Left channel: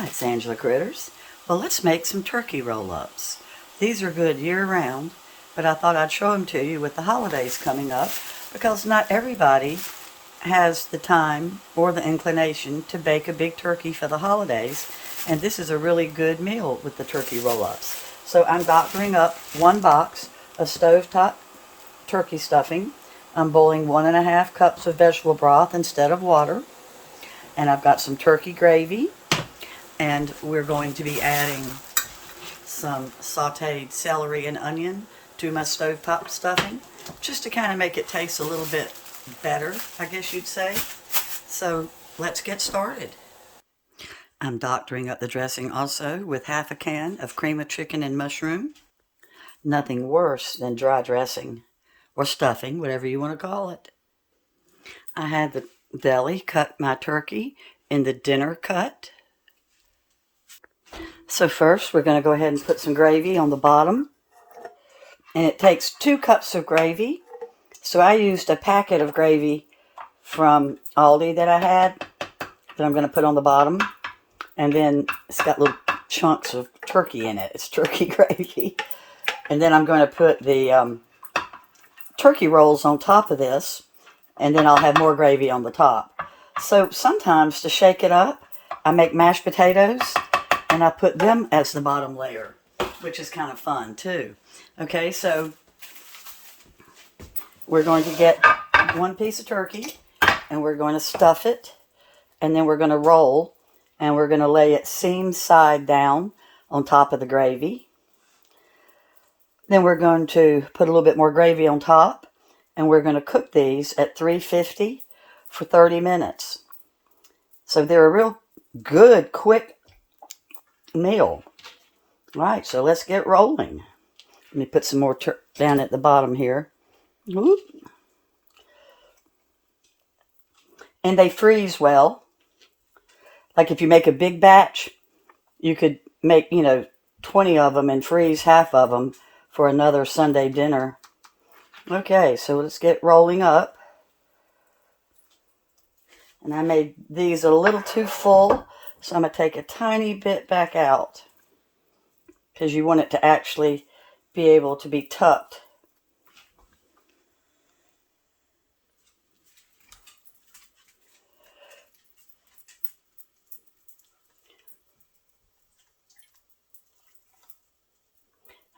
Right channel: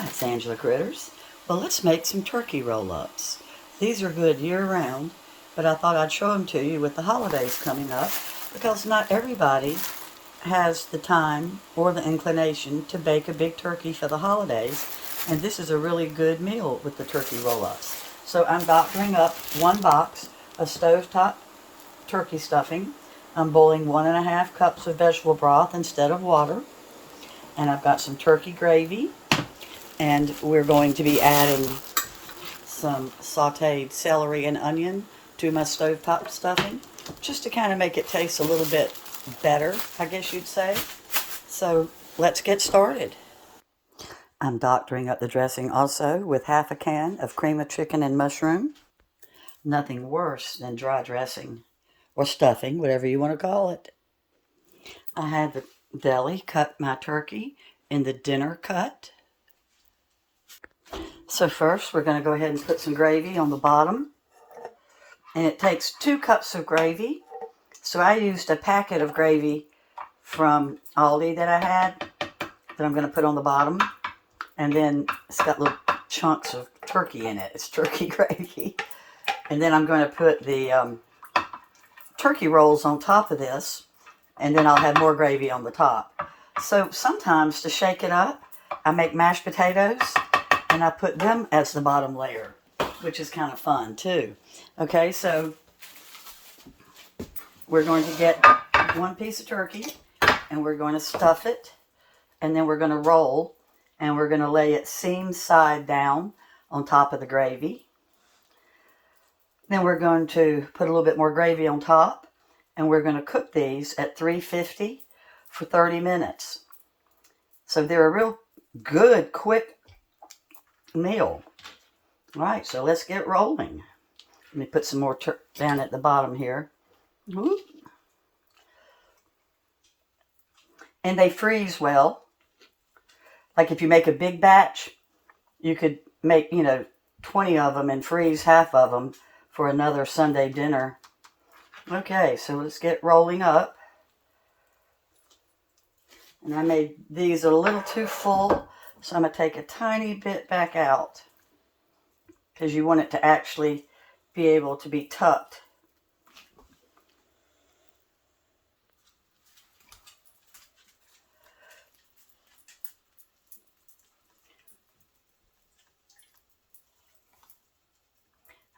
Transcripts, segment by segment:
Hi, it's Angela Critters. Well, let's make some turkey roll-ups. These are good year-round, but I thought I'd show them to you with the holidays coming up because not everybody has the time or the inclination to bake a big turkey for the holidays, and this is a really good meal with the turkey roll-ups. So I'm doctoring up 1 box of stovetop turkey stuffing. I'm boiling 1.5 cups of vegetable broth instead of water, and I've got some turkey gravy. And we're going to be adding some sauteed celery and onion to my stovetop stuffing, just to kind of make it taste a little bit better, I guess you'd say. So let's get started. I'm doctoring up the dressing also with 1/2 can of cream of chicken and mushroom. Nothing worse than dry dressing, or stuffing, whatever you want to call it. I had the deli cut my turkey in the dinner cut. So first, we're going to go ahead and put some gravy on the bottom. And it takes 2 cups of gravy. So I used a packet of gravy from Aldi that I had that I'm going to put on the bottom. And then it's got little chunks of turkey in it. It's turkey gravy. And then I'm going to put the turkey rolls on top of this. And then I'll have more gravy on the top. So sometimes to shake it up, I make mashed potatoes. And I put them as the bottom layer, which is kind of fun too. Okay, so we're going to get 1 piece of turkey and we're going to stuff it. And then we're going to roll and we're going to lay it seam side down on top of the gravy. Then we're going to put a little bit more gravy on top and we're going to cook these at 350 for 30 minutes. So they're a real good, quick meal. Right, so let's get rolling. Let me put some more down at the bottom here. Whoop. And they freeze well. Like if you make a big batch, you could make, 20 of them and freeze half of them for another Sunday dinner. Okay, so let's get rolling up. And I made these a little too full, so I'm going to take a tiny bit back out because you want it to actually be able to be tucked.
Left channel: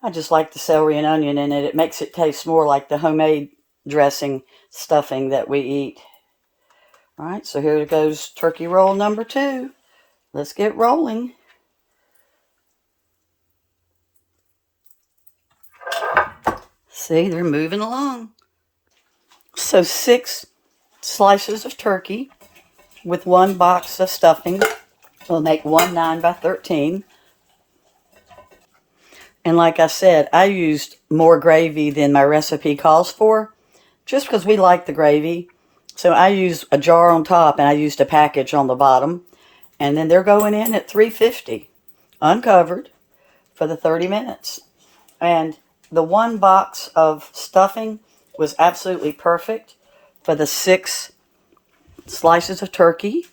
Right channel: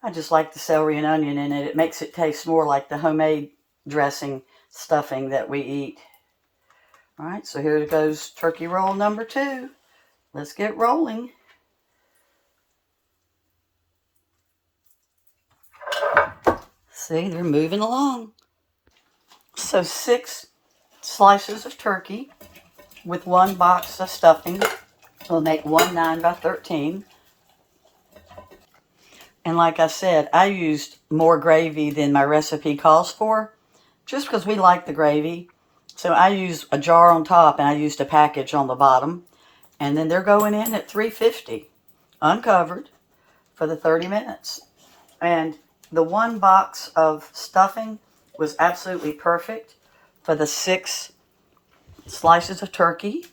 I just like the celery and onion in it. It makes it taste more like the homemade dressing stuffing that we eat. All right, so here goes turkey roll number 2. Let's get rolling. See, they're moving along. So 6 slices of turkey with 1 box of stuffing will make 1 9 by 13. And like I said, I used more gravy than my recipe calls for, just because we like the gravy. So I used a jar on top and I used a package on the bottom. And then they're going in at 350, uncovered, for the 30 minutes. And the 1 box of stuffing was absolutely perfect for the 6 slices of turkey.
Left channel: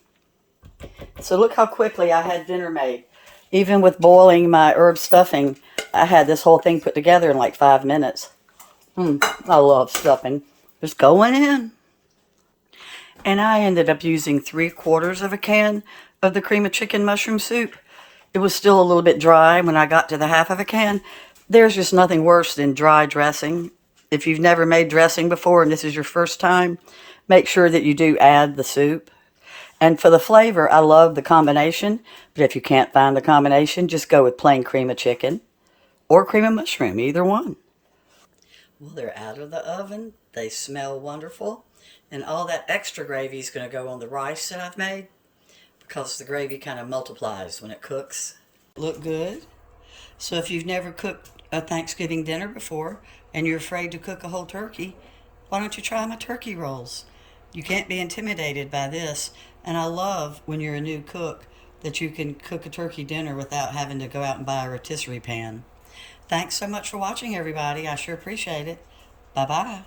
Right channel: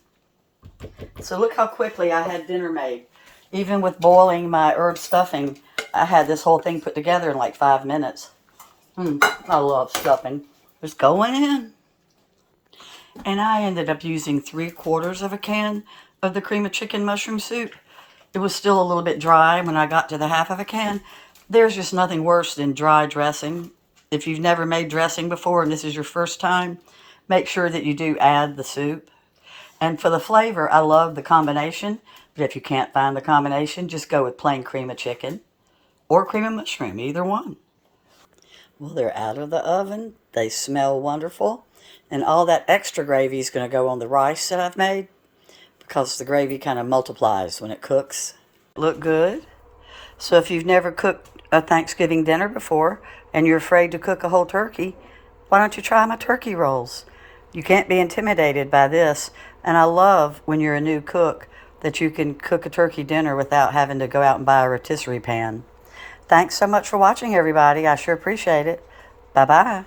So look how quickly I had dinner made. Even with boiling my herb stuffing, I had this whole thing put together in like 5 minutes. I love stuffing. Just going in. And I ended up using 3/4 of a can of the cream of chicken mushroom soup. It was still a little bit dry when I got to the 1/2 of a can. There's just nothing worse than dry dressing. If you've never made dressing before and this is your first time, make sure that you do add the soup. And for the flavor, I love the combination. But if you can't find the combination, just go with plain cream of chicken or cream of mushroom, either one. Well, they're out of the oven. They smell wonderful. And all that extra gravy is going to go on the rice that I've made because the gravy kind of multiplies when it cooks. Look good. So if you've never cooked a Thanksgiving dinner before and you're afraid to cook a whole turkey, why don't you try my turkey rolls? You can't be intimidated by this. And I love when you're a new cook that you can cook a turkey dinner without having to go out and buy a rotisserie pan. Thanks so much for watching, everybody. I sure appreciate it. Bye-bye.